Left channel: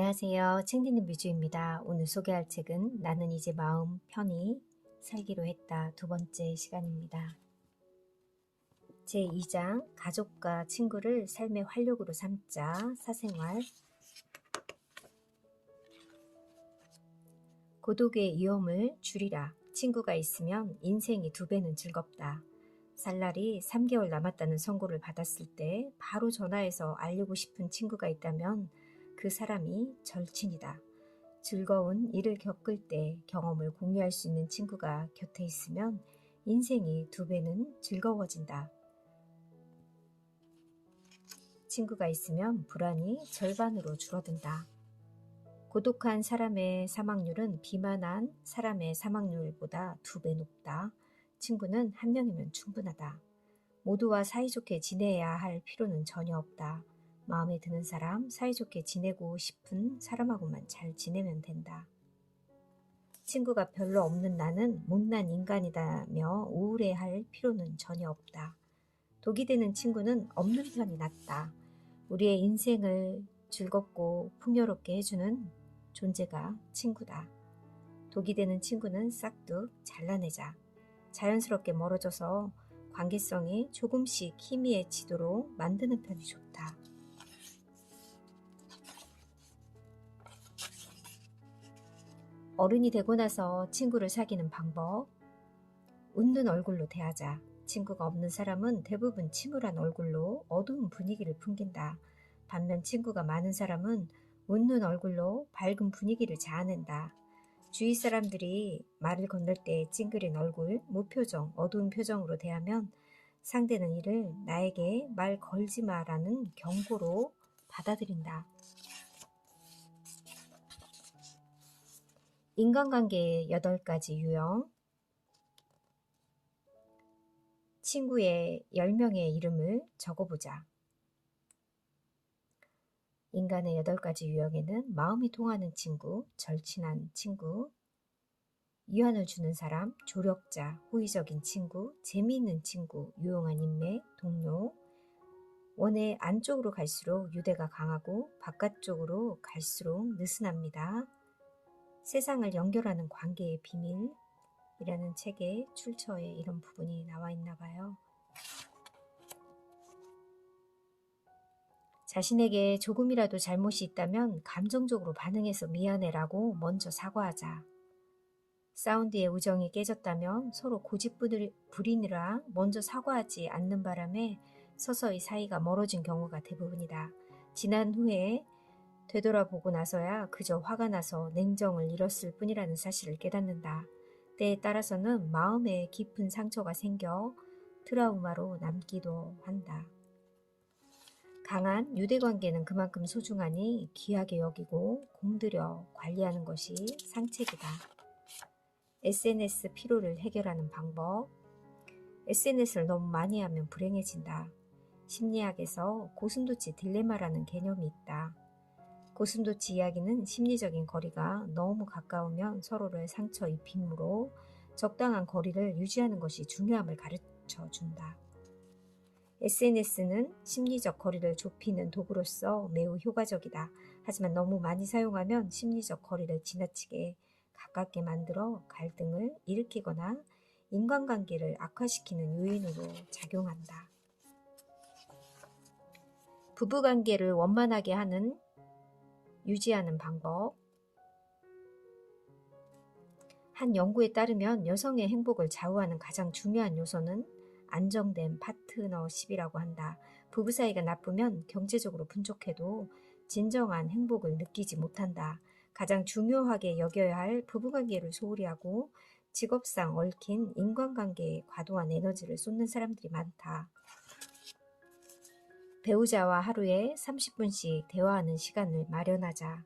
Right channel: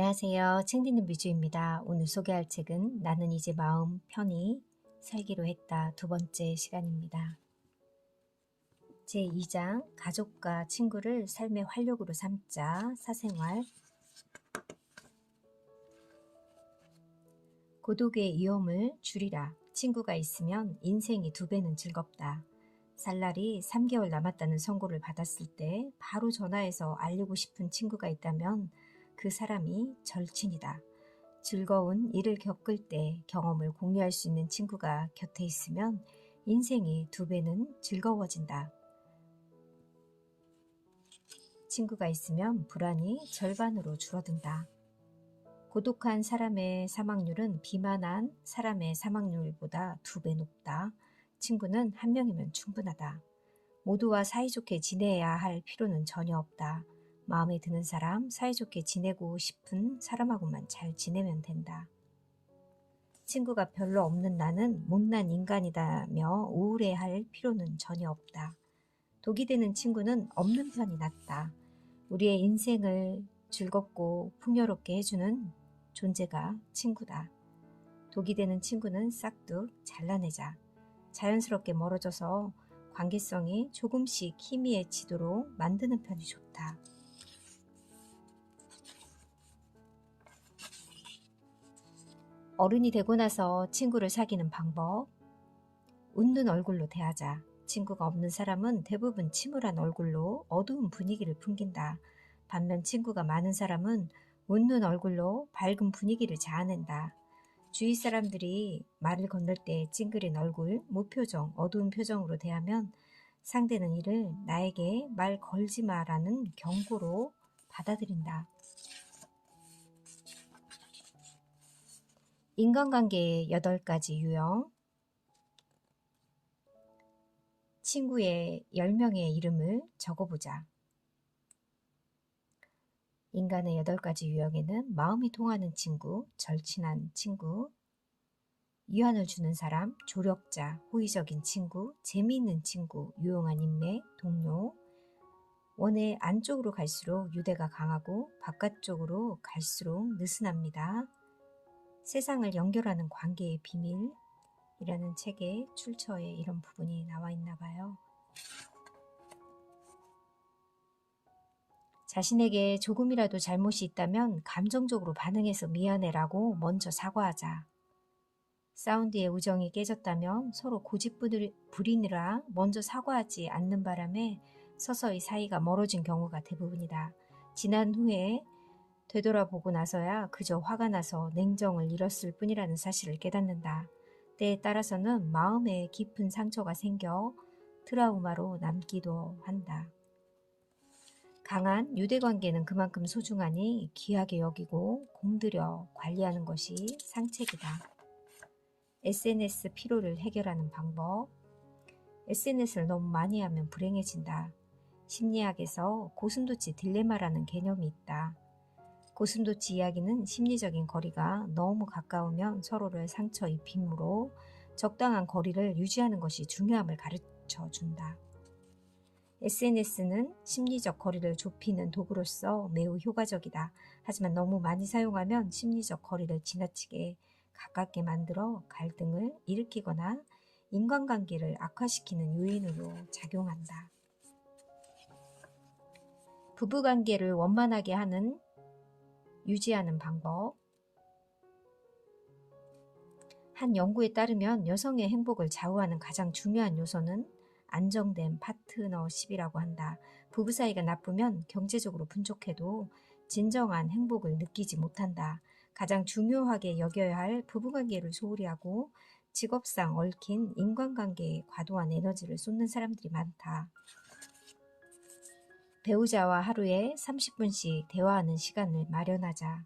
안녕하세요. 책 읽는 뮤즈입니다. 오늘 소개할 책은 나는 이제 마음 편히 살기로 했다. 두 번째 시간입니다. 제2장 가족과 친구를 삶의 활력으로 삼자. 사생활. 고독의 위험을 줄이라. 친구가 있으면 인생이 2배는 즐겁다. 살날이 3개월 남았다는 선고를 받았을 때 바로 전화해서 알리고 싶은 친구가 있다면 그 사람이 절친이다. 즐거운 일을 겪을 때 경험을 공유할 수 있는 친구가 곁에 있으면 인생이 2배는 즐거워진다. 친구가 있으면 불안이 절반으로 줄어든다. 고독한 사람의 사망률은 비만한 사람의 사망률보다 2배 높다. 친구는 한 명이면 충분하다. 모두와 사이좋게 지내야 할 필요는 전혀 없다. 마음에 드는 사람, 사이좋게 지내고 싶은 사람하고만 잘 지내면 된다. 친구가 별로 없는 나는 못난 인간이다며 우울해할 필요는 전혀 없다. 독이 되는 친구는 없는 편이 낫다. 우리의 인생을 즐겁고 풍요롭게 해주는 존재가 친구다. 독이 되는 친구는 싹둑 잘라내자. 자연스럽게 멀어져서 관계성이 조금씩 희미해지도록 만드는 편이 좋다. 어른이 되고 나서 친구를 사귀는 방법. 웃는 얼굴로 대하자. 친구가 없는 사람은 대부분 침울한 얼굴로 어두운 분위기를 풍긴다. 반면 친구가 많은 사람은 웃는 얼굴로 밝은 분위기를 자아낸다. 주위 사람들이 말을 건널 때 찡그린 얼굴, 무표정, 어두운 표정으로 대하면 상대는 이를 나에게 말 걸지 마라는 경고로 받아들인다. 인간관계의 8가지 유형. 친구의 10명의 이름을 적어보자. 인간의 8가지 유형에는 마음이 통하는 친구, 절친한 친구, 위안을 주는 사람, 조력자, 호의적인 친구, 재미있는 친구, 유용한 인맥, 동료. 원의 안쪽으로 갈수록 유대가 강하고 바깥쪽으로 갈수록 느슨합니다. 세상을 연결하는 관계의 비밀이라는 책의 출처에 이런 부분이 나와 있나 봐요. 자신에게 조금이라도 잘못이 있다면 감정적으로 반응해서 미안해라고 먼저 사과하자. 싸운 뒤에 우정이 깨졌다면 서로 고집 부리느라 먼저 사과하지 않는 바람에 서서히 사이가 멀어진 경우가 대부분이다. 지난 후에 되돌아보고 나서야 그저 화가 나서 냉정을 잃었을 뿐이라는 사실을 깨닫는다. 때에 따라서는 마음에 깊은 상처가 생겨 트라우마로 남기도 한다. 강한 유대관계는 그만큼 소중하니 귀하게 여기고 공들여 관리하는 것이 상책이다. SNS 피로를 해결하는 방법. SNS를 너무 많이 하면 불행해진다. 심리학에서 고슴도치 딜레마라는 개념이 있다. 고슴도치 이야기는 심리적인 거리가 너무 가까우면 서로를 상처 입히므로 적당한 거리를 유지하는 것이 중요함을 가르쳐 준다. SNS는 심리적 거리를 좁히는 도구로서 매우 효과적이다. 하지만 너무 많이 사용하면 심리적 거리를 지나치게 가깝게 만들어 갈등을 일으키거나 인간관계를 악화시키는 요인으로 작용한다. 부부관계를 원만하게 유지하는 방법. 한 연구에 따르면 여성의 행복을 좌우하는 가장 중요한 요소는 안정된 파트너십이라고 한다. 부부 사이가 나쁘면 경제적으로 풍족해도 진정한 행복을 느끼지 못한다. 가장 중요하게 여겨야 할 부부관계를 소홀히 하고 직업상 얽힌 인간관계에 과도한 에너지를 쏟는 사람들이 많다. 배우자와 하루에 30분씩 대화하는 시간을 마련하자.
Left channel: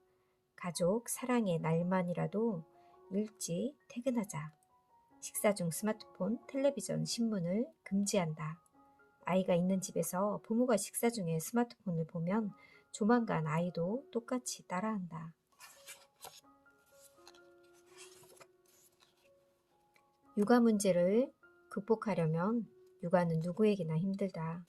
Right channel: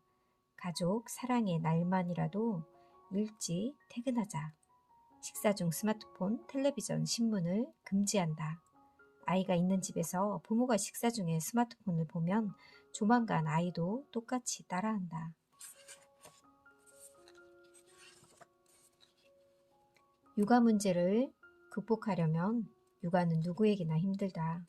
가족, 사랑의 날만이라도 일찍 퇴근하자. 식사 중 스마트폰, 텔레비전, 신문을 금지한다. 아이가 있는 집에서 부모가 식사 중에 스마트폰을 보면 조만간 아이도 똑같이 따라한다. 육아 문제를 극복하려면 육아는 누구에게나 힘들다.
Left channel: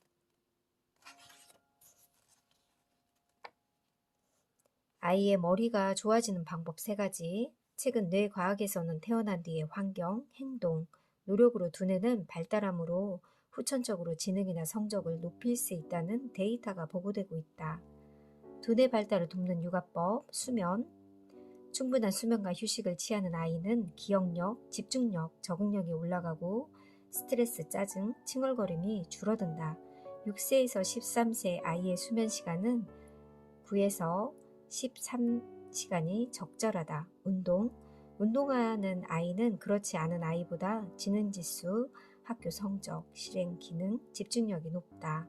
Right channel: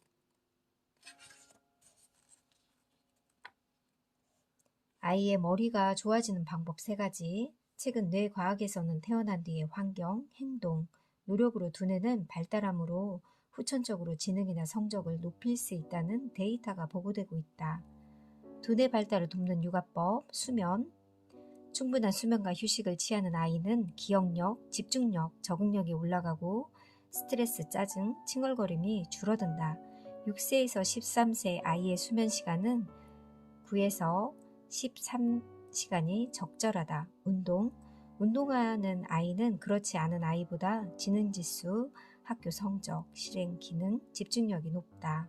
아이의 머리가 좋아지는 방법 3가지. 책은 뇌과학에서는 태어난 뒤의 환경, 행동, 노력으로 두뇌는 발달함으로 후천적으로 지능이나 성적을 높일 수 있다는 데이터가 보고되고 있다. 두뇌 발달을 돕는 육아법, 수면. 충분한 수면과 휴식을 취하는 아이는 기억력, 집중력, 적응력이 올라가고 스트레스, 짜증, 칭얼거림이 줄어든다. 6세에서 13세 아이의 수면 시간은 9에서 13시간이 적절하다. 운동하는 아이는 그렇지 않은 아이보다 지능지수, 학교 성적, 실행 기능, 집중력이 높다.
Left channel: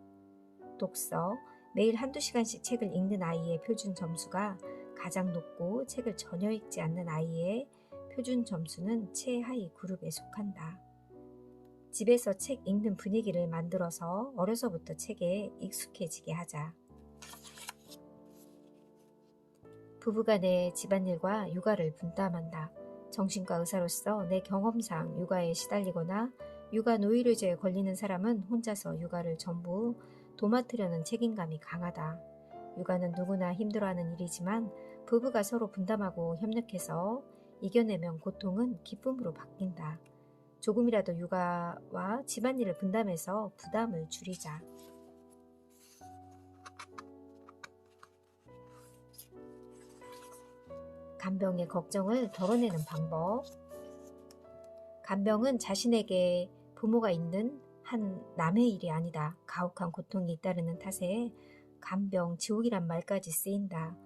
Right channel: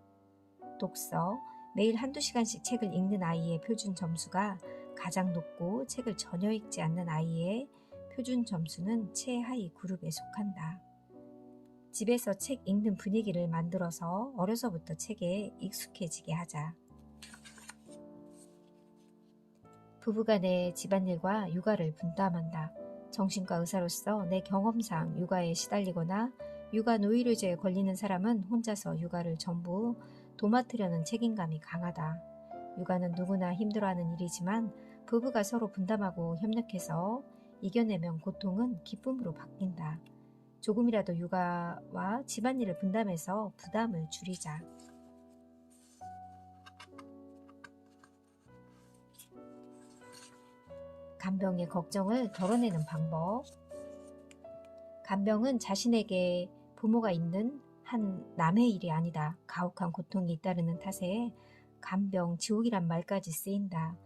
독서. 매일 1~2시간씩 책을 읽는 아이의 표준 점수가 가장 높고 책을 전혀 읽지 않는 아이의 표준 점수는 최하위 그룹에 속한다. 집에서 책 읽는 분위기를 만들어서 어려서부터 책에 익숙해지게 하자. 부부간의 집안일과 육아를 분담한다. 정신과 의사로서 내 경험상 육아에 시달리거나 육아 노이로제에 걸리는 사람은 혼자서 육아를 전부 도맡으려는 책임감이 강하다. 육아는 누구나 힘들어하는 일이지만 부부가 서로 분담하고 협력해서 이겨내면 고통은 기쁨으로 바뀐다. 조금이라도 육아와 집안일을 분담해서 부담을 줄이자. 간병의 걱정을 덜어내는 방법. 간병은 자신에게 부모가 있는 한 남의 일이 아니다. 가혹한 고통이 잇따르는 탓에 간병, 지옥이란 말까지 쓰인다.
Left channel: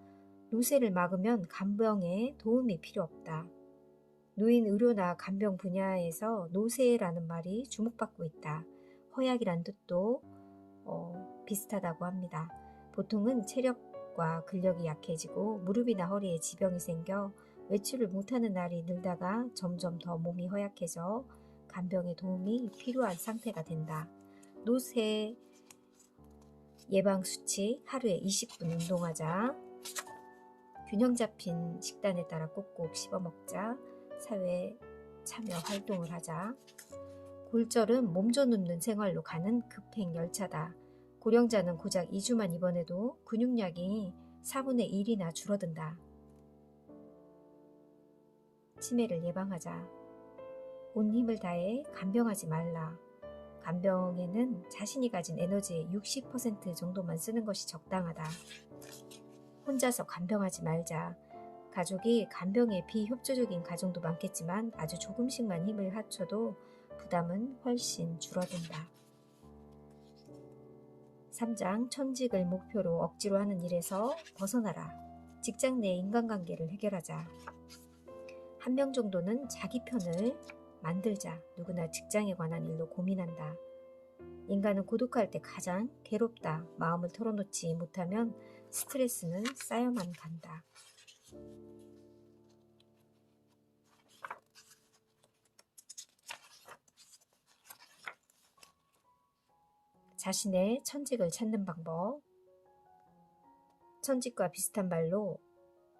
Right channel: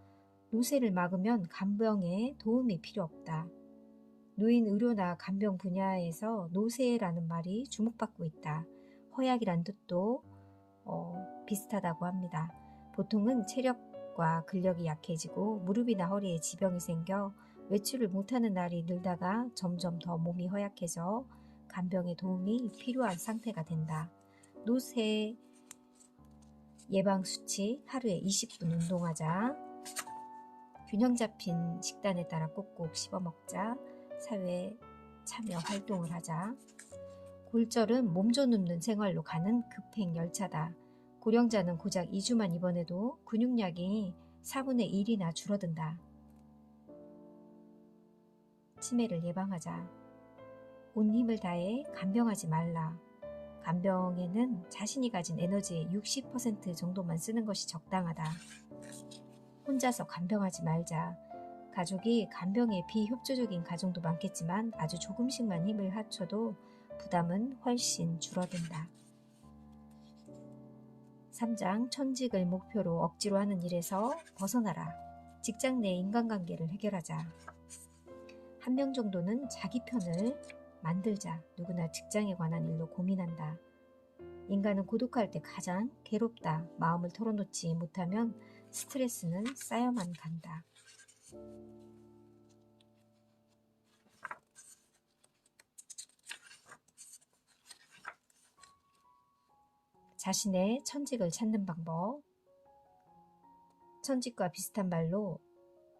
노쇠를 막으면 간병에 도움이 필요 없다. 노인 의료나 간병 분야에서 노쇠라는 말이 주목받고 있다. 허약이란 뜻도 비슷하다고 합니다. 보통은 체력과 근력이 약해지고 무릎이나 허리에 지병이 생겨 외출을 못하는 날이 늘다가 점점 더 몸이 허약해져 간병의 도움이 필요한 상태가 된다. 노쇠 예방 수치. 하루에 20분 운동하자. 균형 잡힌 식단에 따라 꼭꼭 씹어 먹자. 사회에 참여 활동을 하자. 골절은 몸져 눕는 생활로 가는 급행 열차다. 고령자는 고작 2주만 입원해도 근육량이 4분의 1이나 줄어든다. 치매를 예방하자. 온 힘을 다해 간병하지 말라. 간병에는 자신이 가진 에너지의 60% 정도만 쓰는 것이 적당하다. 혼자서 간병하지 말자. 가족이 간병에 비협조적인 가정도 많겠지만 아주 조금씩만 힘을 합쳐도 부담은 훨씬 줄어든다. 3장 천직을 목표로 억지로 하는 일에서 벗어나라. 직장 내 인간관계를 해결하자. 한 명 정도는 자기 편을 만들자. 누구나 직장에 관한 일로 고민한다. 인간은 고독할 때 가장 괴롭다. 마음을 털어놓지 못하면 스트레스는 쌓여만 간다. 자신의 천직을 찾는 방법. 천직과 비슷한 말로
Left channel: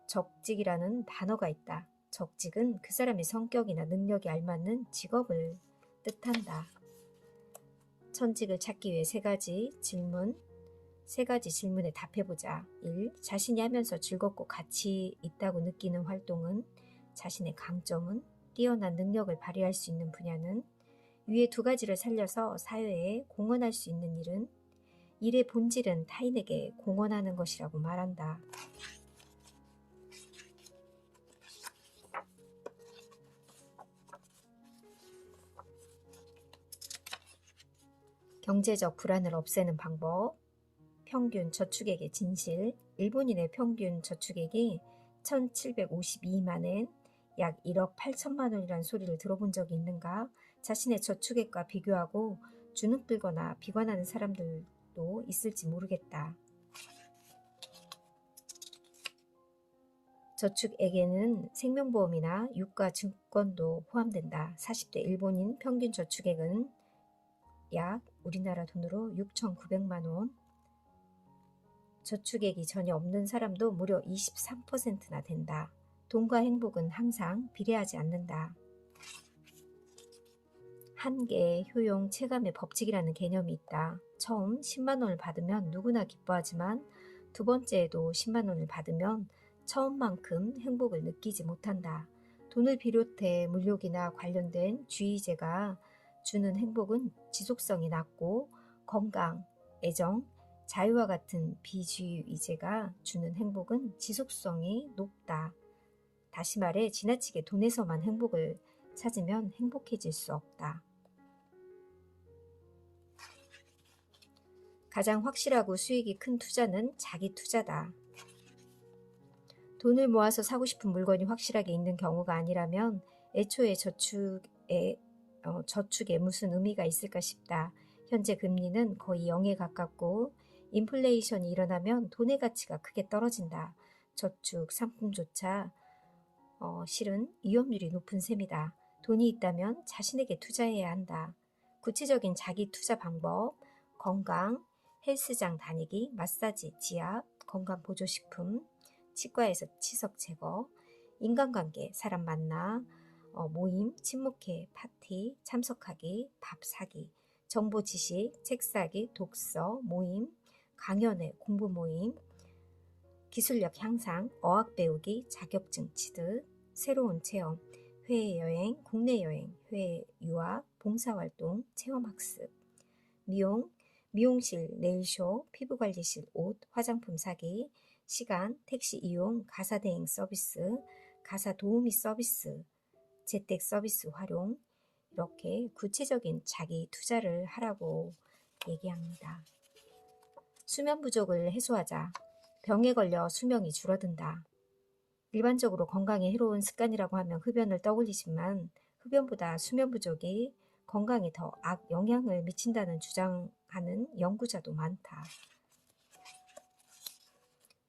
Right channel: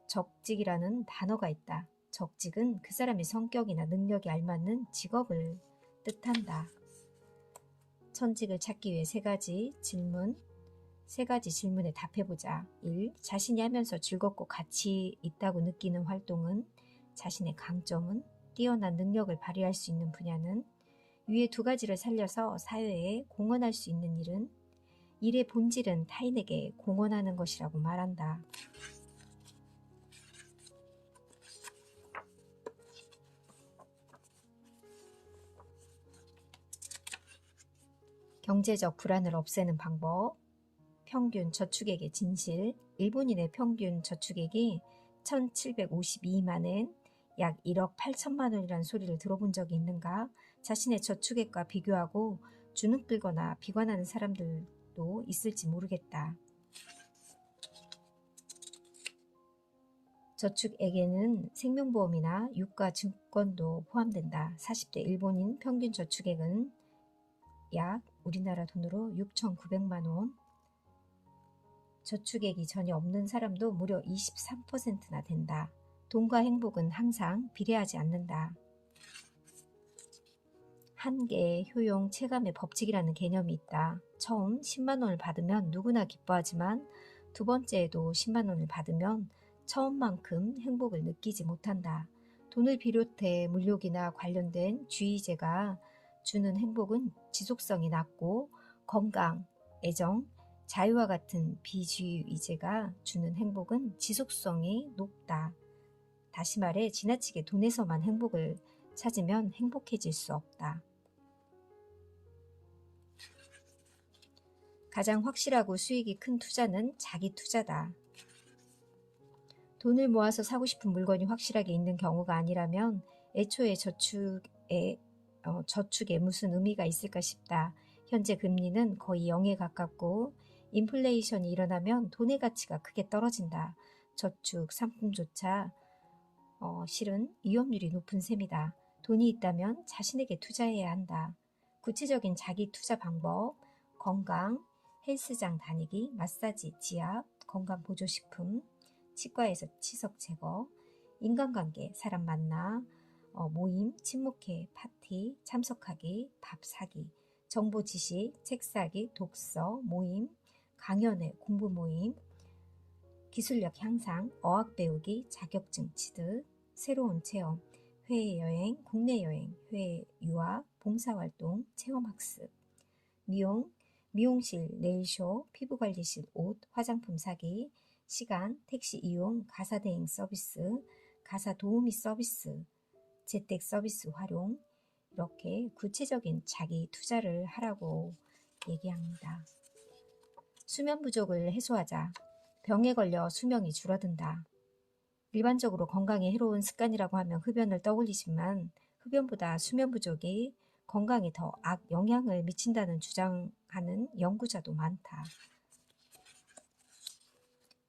적직이라는 단어가 있다. 적직은 그 사람의 성격이나 능력에 알맞는 직업을 뜻한다. 천직을 찾기 위해 3가지 질문에 답해보자. 1. 자신이 하면서 즐겁고 가치 있다고 느끼는 활동은? 자신의 강점은? 뛰어난 능력을 발휘할 수 있는 분야는? 위에 2가지를 살려서 사회에 공헌할 수 있는 일은? 일의 본질은 타인에게 공헌하는 것이라고 말한다. 경제적 불안을 없애는 방법. 평균 저축액의 진실. 일본인의 평균 저축액이 1752만엔, 약 1억 8천만 원이라는 소리를 들어본 적이 있는가? 자신의 저축액과 비교하고 주눅들거나 비관하는 사람들도 있을지 모르겠다. 저축액에는 생명보험이나 유가 증권도 포함된다. 40대 일본인 평균 저축액은 약 우리나라 돈으로 6,900만 원. 저축액이 전혀 없는 사람도 무려 23%나 된다. 돈과 행복은 항상 비례하지 않는다. 한계, 효용, 체감의 법칙이라는 개념이 있다. 처음 10만 원을 받으면 누구나 기뻐하지만 2번째에도 10만 원을 받으면 처음만큼 행복을 느끼지 못한다. 돈을 비롯해 물욕이나 관련된 주의제가 주는 행복은 지속성이 낮고 건강, 애정, 자유와 같은 비주의제가 주는 행복은 지속성이 높다. 다시 말해 지나치게 돈에서만 행복을 찾으면 행복해질 수 없다. 가장 확실하고 수익이 큰 투자는 자기 투자다. 돈을 모아서 사고 싶은 물건이 확실하게 있는 경우가 아니라면 애초에 저축에 무슨 의미가 있을까 싶다. 현재 금리는 거의 0에 가깝고 인플레이션이 일어나면 돈의 가치가 크게 떨어진다. 저축 상품조차 실은 위험률이 높은 셈이다. 돈이 있다면 자신에게 투자해야 한다. 구체적인 자기 투자 방법, 건강, 헬스장 다니기, 마사지, 지압, 건강보조식품, 치과에서 치석 제거, 인간관계, 사람 만나, 모임, 친목회, 파티, 참석하기, 밥 사기, 정보 지식, 책 사기, 독서, 모임, 강연회, 공부 모임, 기술력 향상, 어학 배우기, 자격증 취득, 새로운 체험, 해외 여행, 국내 여행, 해외 유학, 봉사활동, 체험학습, 미용, 미용실, 네일쇼, 피부관리실, 옷, 화장품 사기, 시간, 택시 이용, 가사 대행 서비스, 가사 도우미 서비스, 재택 서비스 활용, 이렇게 구체적인 자기 투자를 하라고 얘기합니다. 수면 부족을 해소하자. 병에 걸려 수명이 줄어든다. 일반적으로 건강에 해로운 습관이라고 하면 흡연을 떠올리지만 흡연보다 수면 부족이 건강에 더 악영향을 미친다는 주장하는 연구자도 많다.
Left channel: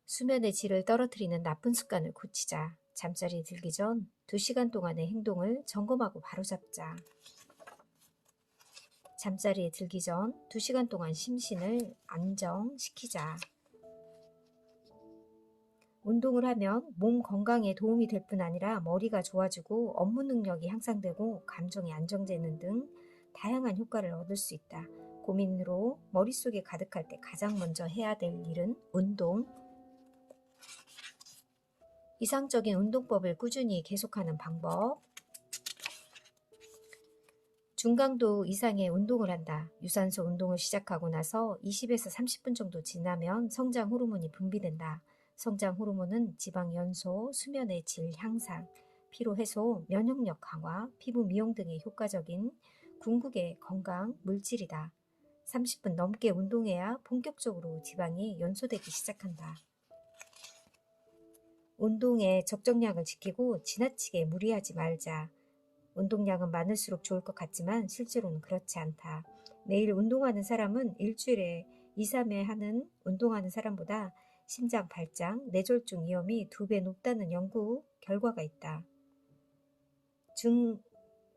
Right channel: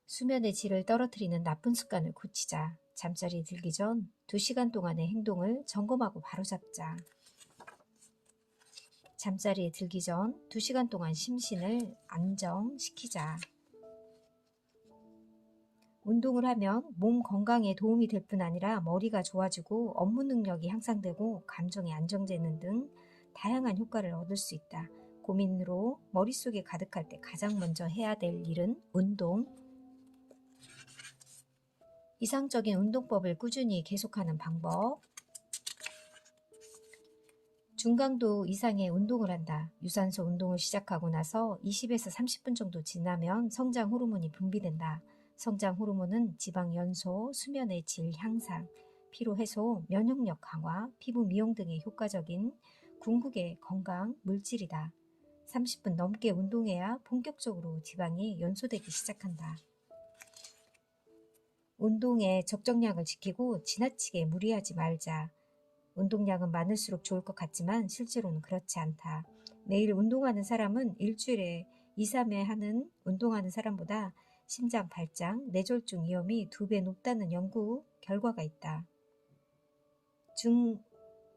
수면의 질을 떨어뜨리는 나쁜 습관을 고치자. 잠자리에 들기 전 2시간 동안의 행동을 점검하고 바로잡자. 잠자리에 들기 전 2시간 동안 심신을 안정시키자. 운동을 하면 몸 건강에 도움이 될 뿐 아니라 머리가 좋아지고 업무 능력이 향상되고 감정이 안정되는 등 다양한 효과를 얻을 수 있다. 고민으로 머릿속에 가득할 때 가장 먼저 해야 될 일은 운동. 이상적인 운동법을 꾸준히 계속하는 방법. 중강도 이상의 운동을 한다. 유산소 운동을 시작하고 나서 20에서 30분 정도 지나면 성장 호르몬이 분비된다. 성장 호르몬은 지방 연소, 수면의 질 향상, 피로 해소, 면역력 강화, 피부 미용 등에 효과적인 궁극의 건강 물질이다. 30분 넘게 운동해야 본격적으로 지방이 연소되기 시작한다. 운동에 적정량을 지키고 지나치게 무리하지 말자. 운동량은 많을수록 좋을 것 같지만 실제로는 그렇지 않다. 매일 운동하는 사람은 일주일에 2, 3회 운동하는 사람보다 심장 발작, 뇌졸중 위험이 2배 높다는 연구 결과가 있다.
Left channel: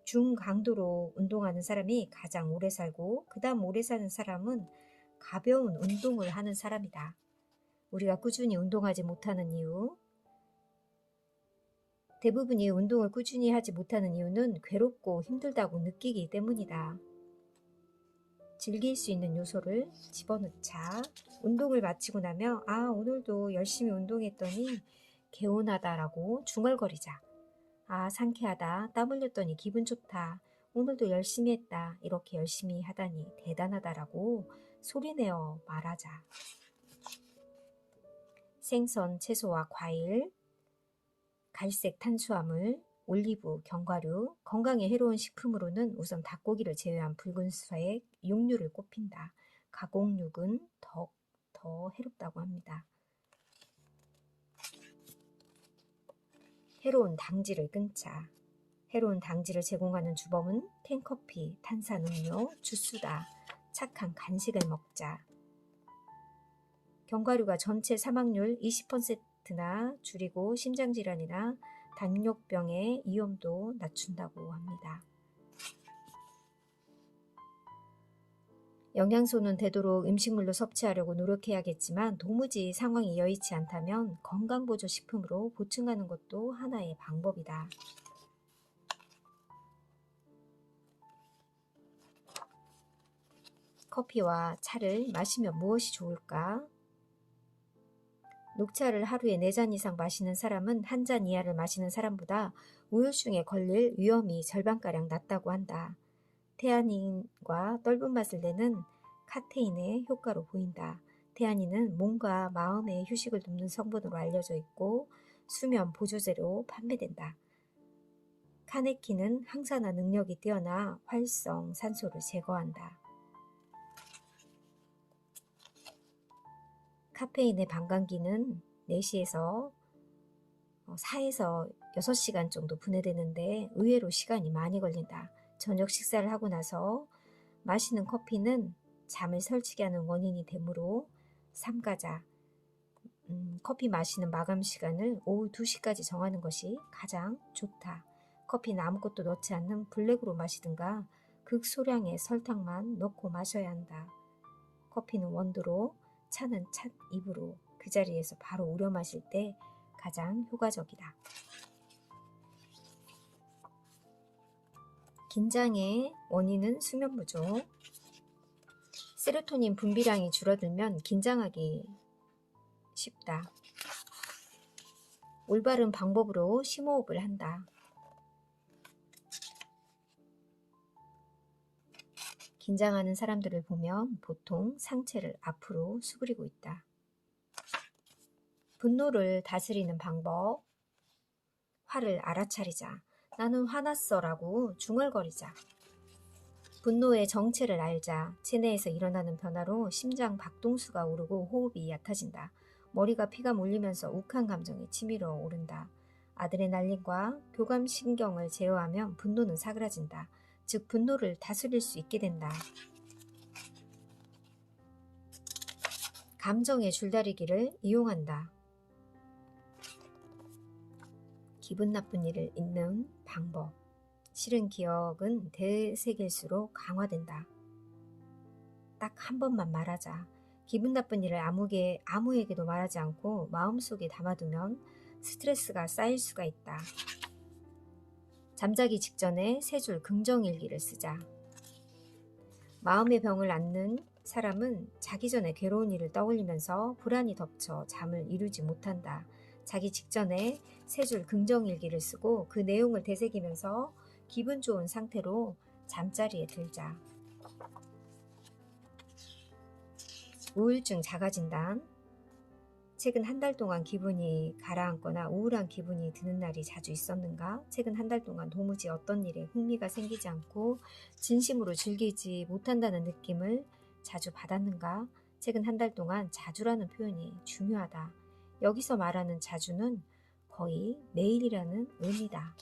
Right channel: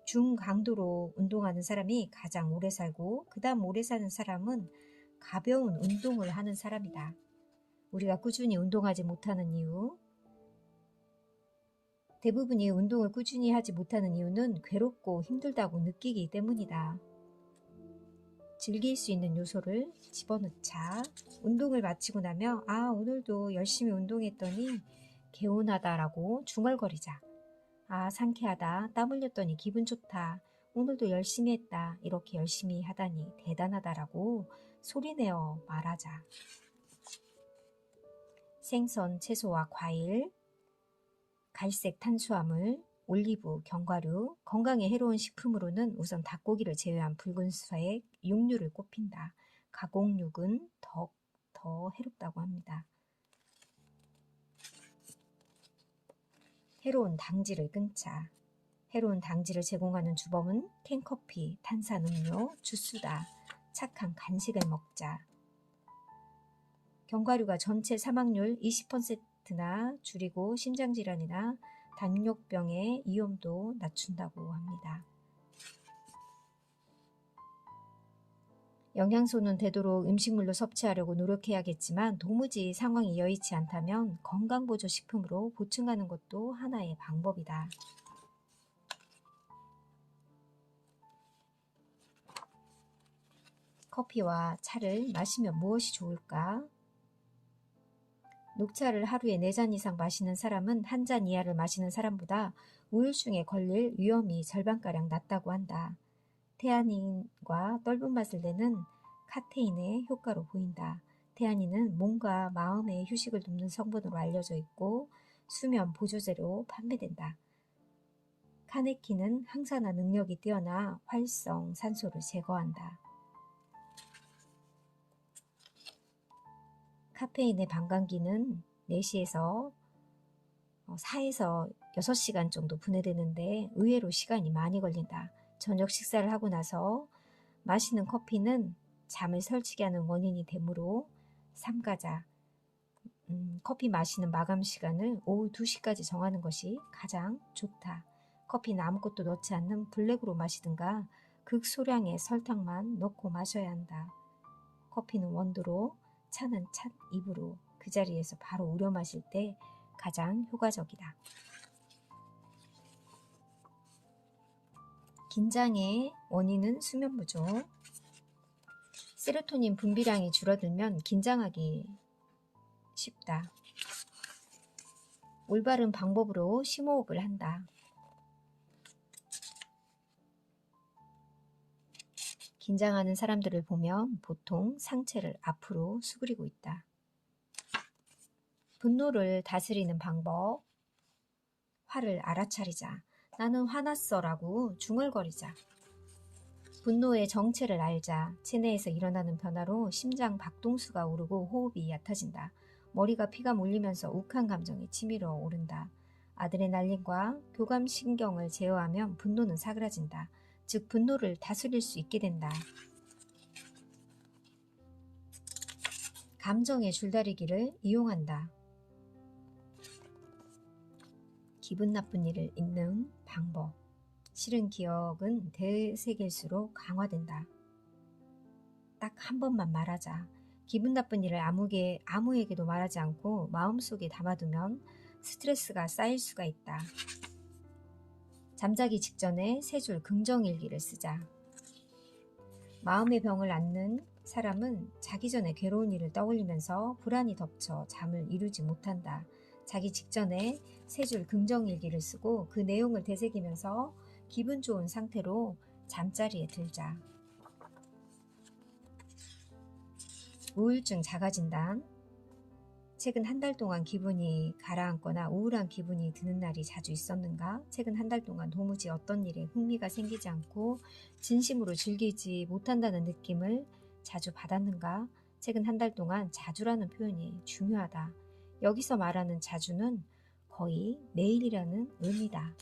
중강도로 운동하는 사람이 가장 오래 살고 그 다음 오래 사는 사람은 가벼운 운동을 하는 사람이다. 우리가 꾸준히 운동하지 못하는 이유, 대부분이 운동을 꾸준히 하지 못하는 이유는 괴롭고 힘들다고 느끼기 때문이다. 즐길 수 있는 요소를 집어넣자. 운동을 마치고 나면 오늘도 열심히 운동했더니 개운하다라고 중얼거리자. 상쾌하다. 땀 흘렸더니 기분 좋다. 오늘도 열심히 했다. 이렇게 열심히 하다니 대단하다라고 소리내어 말하자. 생선, 채소와 과일, 갈색 탄수화물, 올리브, 견과류, 건강에 해로운 식품으로는 우선 닭고기를 제외한 붉은색 육류를 꼽힌다. 가공육은 더 해롭다고 합니다. 해로운 당질을 끊자. 해로운 당질을 제공하는 주범은 캔커피, 탄산음료, 주스다. 착한 간식을 먹자. 견과류가 전체 사망률 20%나 줄이고 심장질환이나 당뇨병의 위험도 낮춘다고 합니다. 영양소는 되도록 음식물로 섭취하려고 노력해야겠지만 도무지 상황이 여의치 않다면 건강보조식품으로 보충하는 것도 하나의 방법이다. 커피와 차를 마시면 무엇이 좋을까? 녹차를 하루에 4잔 이상 마시는 사람은 1잔 이하를 마시는 사람보다 우울증에 걸릴 위험이 절반가량 낮다고 한다. 테아닌과 떫은 맛을 내는 카테인의 효과로 보인다. 테아닌은 몸과 마음의 휴식을 돕는 성분으로 알려져 있고 수면 보조제로 판매된다. 카네킨은 항산화 능력이 뛰어나 활성 산소를 제거한다. 카페인의 반감기는 4시에서 4에서 6시간 정도 분해되는데 의외로 시간이 많이 걸린다. 저녁 식사를 하고 나서 마시는 커피는 잠을 설치게 하는 원인이 되므로 삼가자. 커피 마시는 마감 시간을 오후 2시까지 정하는 것이 가장 좋다. 커피는 아무것도 넣지 않는 블랙으로 마시든가 극소량의 설탕만 넣고 마셔야 한다. 커피는 원두로, 차는 찻잎으로 그 자리에서 바로 우려 마실 때 가장 효과적이다. 긴장의 원인은 수면 부족. 세로토닌 분비량이 줄어들면 긴장하기 쉽다. 올바른 방법으로 심호흡을 한다. 긴장하는 사람들을 보면 보통 상체를 앞으로 수그리고 있다. 분노를 다스리는 방법. 화를 알아차리자. 나는 화났어 라고 중얼거리자. 분노의 정체를 알자. 체내에서 일어나는 변화로 심장 박동수가 오르고 호흡이 얕아진다. 머리가 피가 몰리면서 욱한 감정이 치밀어 오른다. 아드레날린과 교감신경을 제어하면 분노는 사그라진다. 즉 분노를 다스릴 수 있게 된다. 감정의 줄다리기를 이용한다. 기분 나쁜 일을 잊는 방법. 싫은 기억은 되새길수록 강화된다. 딱 한 번만 말하자. 기분 나쁜 일을 아무에게도 말하지 않고 마음속에 담아두면 스트레스가 쌓일 수가 있다. 잠자기 직전에 3줄 긍정일기를 쓰자. 마음의 병을 앓는 사람은 자기 전에 괴로운 일을 떠올리면서 불안이 덮쳐 잠을 이루지 못한다. 자기 직전에 3줄 긍정일기를 쓰고 그 내용을 되새기면서 기분 좋은 상태로 잠자리에 들자. 우울증 자가진단. 최근 한 달 동안 기분이 가라앉거나 우울한 기분이 드는 날이 자주 있었는가? 최근 한 달 동안 도무지 어떤 일에 흥미가 생기지 않고 진심으로 즐기지 못한다는 느낌을 자주 받았는가? 최근 한 달 동안 자주라는 표현이 중요하다. 여기서 말하는 자주는 거의 매일이라는 의미다.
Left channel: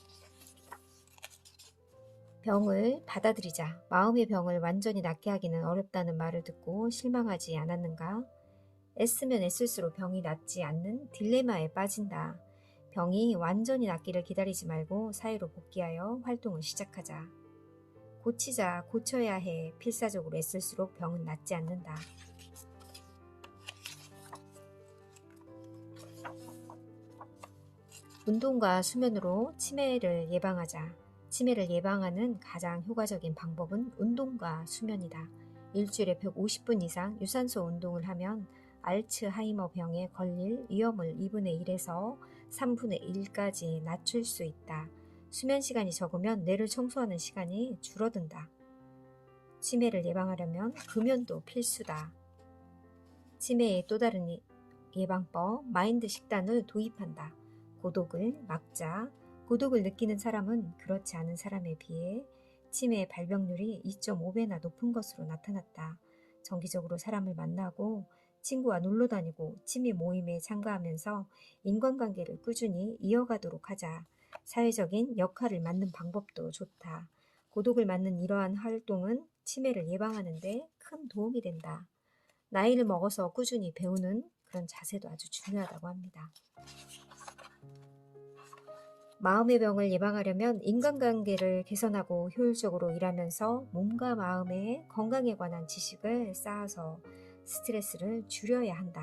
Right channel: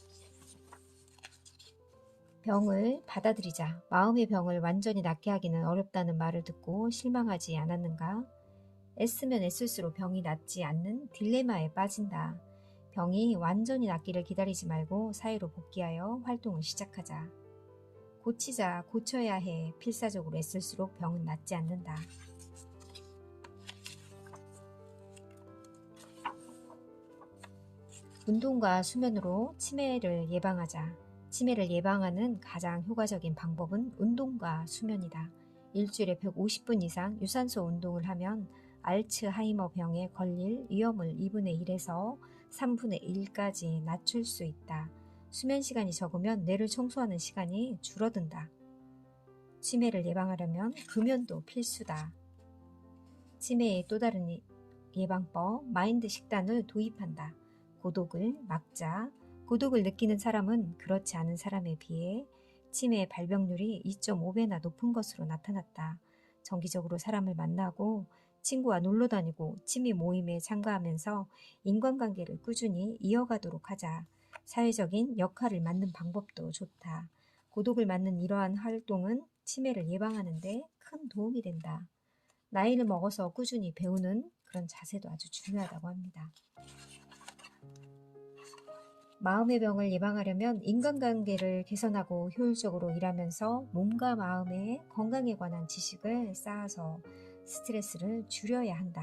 병을 받아들이자. 마음의 병을 완전히 낫게 하기는 어렵다는 말을 듣고 실망하지 않았는가? 애쓰면 애쓸수록 병이 낫지 않는 딜레마에 빠진다. 병이 완전히 낫기를 기다리지 말고 사회로 복귀하여 활동을 시작하자. 고치자, 고쳐야 해. 필사적으로 애쓸수록 병은 낫지 않는다. 운동과 수면으로 치매를 예방하자. 치매를 예방하는 가장 효과적인 방법은 운동과 수면이다. 일주일에 150분 이상 유산소 운동을 하면 알츠하이머 병에 걸릴 위험을 2분의 1에서 3분의 1까지 낮출 수 있다. 수면 시간이 적으면 뇌를 청소하는 시간이 줄어든다. 치매를 예방하려면 금연도 필수다. 치매의 또 다른 예방법, 마인드 식단을 도입한다. 고독을 막자. 고독을 느끼는 사람은 그렇지 않은 사람에 비해 치매의 발병률이 2.5배나 높은 것으로 나타났다. 정기적으로 사람을 만나고 친구와 놀러 다니고 취미 모임에 참가하면서 인간관계를 꾸준히 이어가도록 하자. 사회적인 역할을 맡는 방법도 좋다. 고독을 맡는 이러한 활동은 치매를 예방하는 데 큰 도움이 된다. 나이를 먹어서 꾸준히 배우는 그런 자세도 아주 중요하다고 합니다. 마음의 병을 예방하려면 인간관계를 개선하고 효율적으로 일하면서 몸과 마음의 건강에 관한 지식을 쌓아서 스트레스를 줄여야 한다.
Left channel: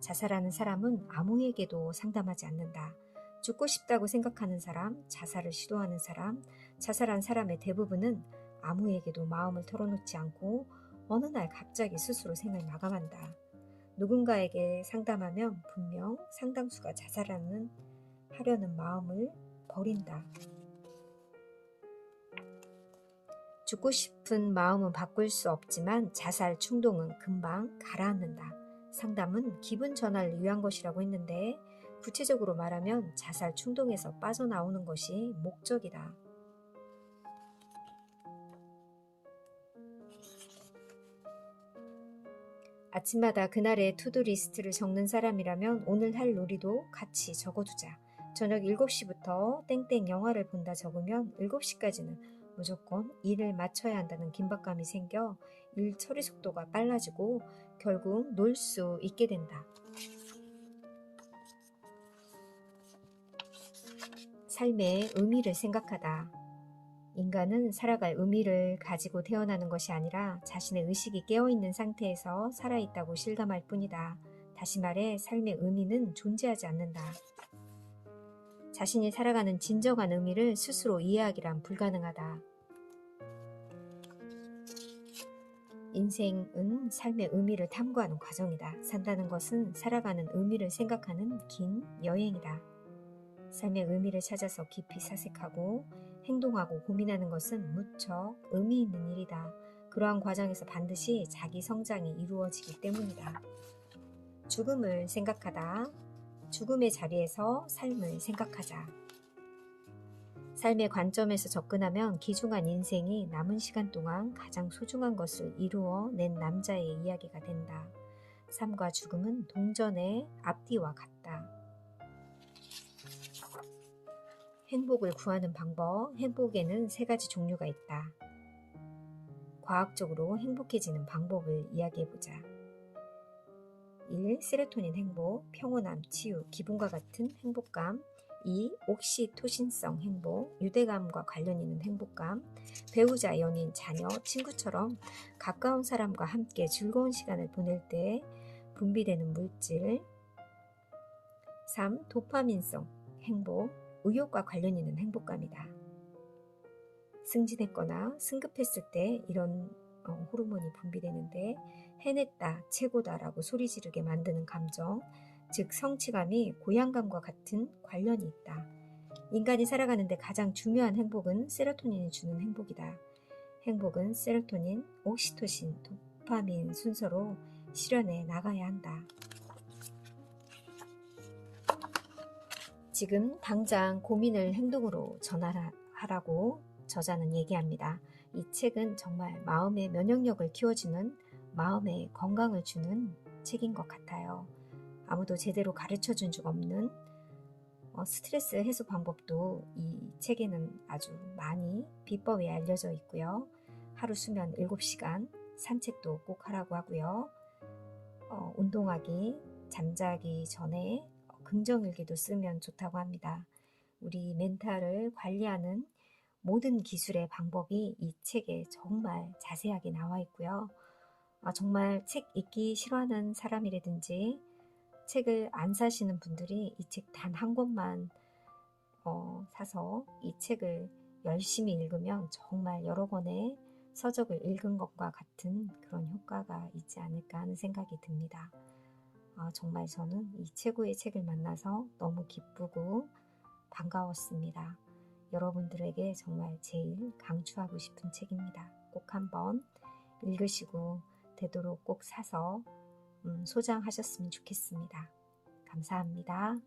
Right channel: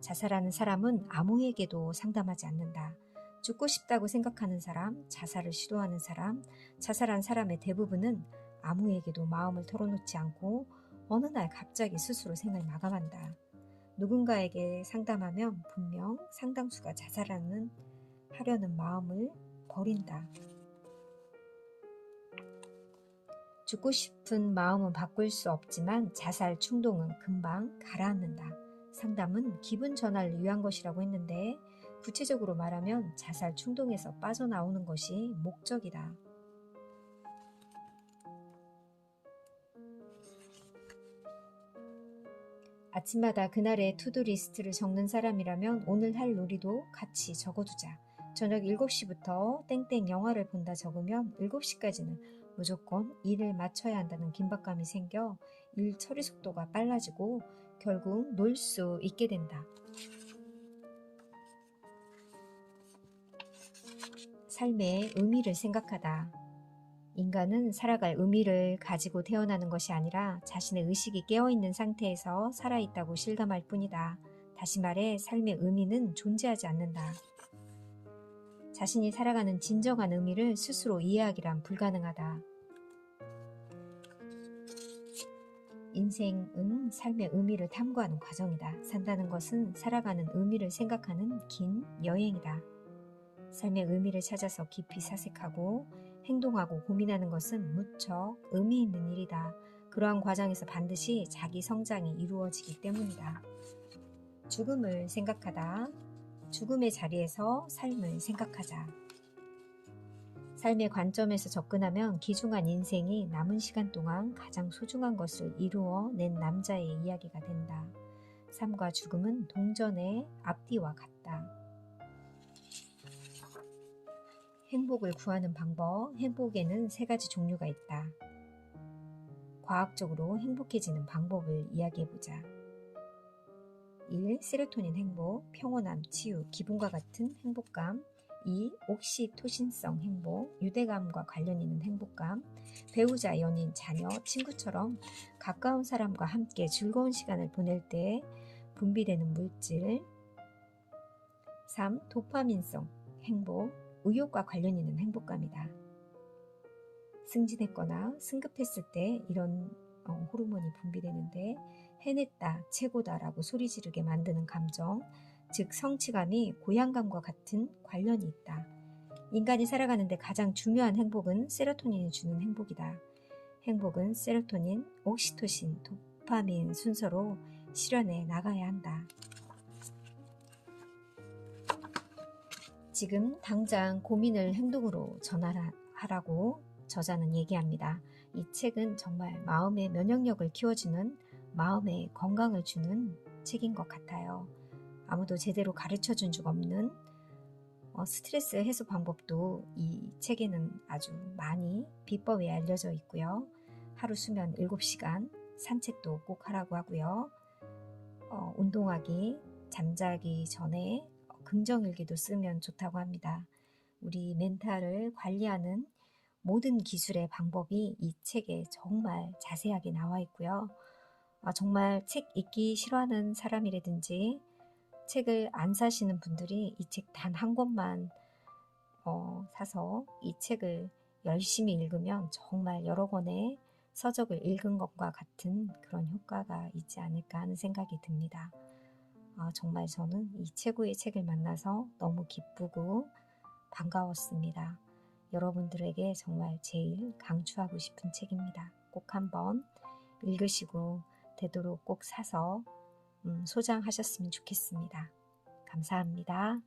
자살하는 사람은 아무에게도 상담하지 않는다. 죽고 싶다고 생각하는 사람, 자살을 시도하는 사람, 자살한 사람의 대부분은 아무에게도 마음을 털어놓지 않고 어느 날 갑자기 스스로 생을 마감한다. 누군가에게 상담하면 분명 상당수가 하려는 마음을 버린다. 죽고 싶은 마음은 바꿀 수 없지만 자살 충동은 금방 가라앉는다. 상담은 기분 전환을 위한 것이라고 했는데 구체적으로 말하면 자살 충동에서 빠져나오는 것이 목적이다. 아침마다 그날의 투두리스트를 적는 사람이라면 오늘 할 놀이도 같이 적어두자. 저녁 7시부터 땡땡 영화를 본다 적으면 7시까지는 무조건 일을 마쳐야 한다는 긴박감이 생겨 일 처리 속도가 빨라지고 결국 놀 수 있게 된다. 삶의 의미를 생각하다. 인간은 살아갈 의미를 가지고 태어나는 것이 아니라 자신의 의식이 깨어있는 상태에서 살아있다고 실감할 뿐이다. 다시 말해 삶의 의미는 존재하지 않는다. 자신이 살아가는 진정한 의미를 스스로 이해하기란 불가능하다. 인생은 삶의 의미를 탐구하는 과정이다. 산다는 것은 살아가는 의미를 생각하는 긴 여행이다. 삶의 의미를 찾아서 깊이 사색하고 행동하고 고민하는 것은 무척 의미 있는 일이다. 그러한 과정에서 반드시 자기 성장이 이루어지기 때문이다. 죽음을 생각하다. 죽음의 자리에서 삶을 생각하자. 삶의 관점에서 접근하면 귀중한 인생이 남은 시간 동안 가장 소중한 것을 이루어낸 남자의 이야기가 된다. 삶과 죽음은 동전의 앞뒤와 같다. 행복을 구하는 방법, 행복에는 3가지 종류가 있다. 과학적으로 행복해지는 방법을 이야기해보자. 1. 세로토닌 행복, 평온함, 치유, 기분과 같은 행복감. 2. 옥시토신성 행복, 유대감과 관련 있는 행복감. 배우자, 연인, 자녀, 친구처럼 가까운 사람과 함께 즐거운 시간을 보낼 때 분비되는 물질. 3. 도파민성 행복, 의욕과 관련 있는 행복감이다. 승진했거나 승급했을 때 이런 호르몬이 분비되는데 해냈다, 최고다라고 소리 지르게 만드는 감정, 즉 성취감이 고향감과 같은 관련이 있다. 인간이 살아가는데 가장 중요한 행복은 세로토닌이 주는 행복이다. 행복은 세로토닌, 옥시토신, 도파민 순서로 실현해 나가야 한다. 지금 당장 고민을 행동으로 전환하라고 저자는 얘기합니다. 이 책은 정말 마음의 면역력을 키워주는, 마음의 건강을 주는 책인 것 같아요. 아무도 제대로 가르쳐준 적 없는 스트레스 해소 방법도 이 책에는 아주 많이 비법이 알려져 있고요. 하루 수면 7시간, 산책도 꼭 하라고 하고요. 운동하기, 잠자기 전에 긍정일기도 쓰면 좋다고 합니다. 우리 멘탈을 관리하는 모든 기술의 방법이 이 책에 정말 자세하게 나와 있고요. 정말 책 읽기 싫어하는 사람이라든지 책을 안 사시는 분들이 이 책 단 한 권만 사서 이 책을 열심히 읽으면 정말 여러 권의 서적을 읽은 것과 같은 그런 효과가 있지 않을까 하는 생각이 듭니다. 정말 저는 이 최고의 책을 만나서 너무 기쁘고 반가웠습니다. 여러분들에게 정말 제일 강추하고 싶은 책입니다. 꼭 한번 읽으시고 되도록 꼭 사서 소장하셨으면 좋겠습니다. 감사합니다.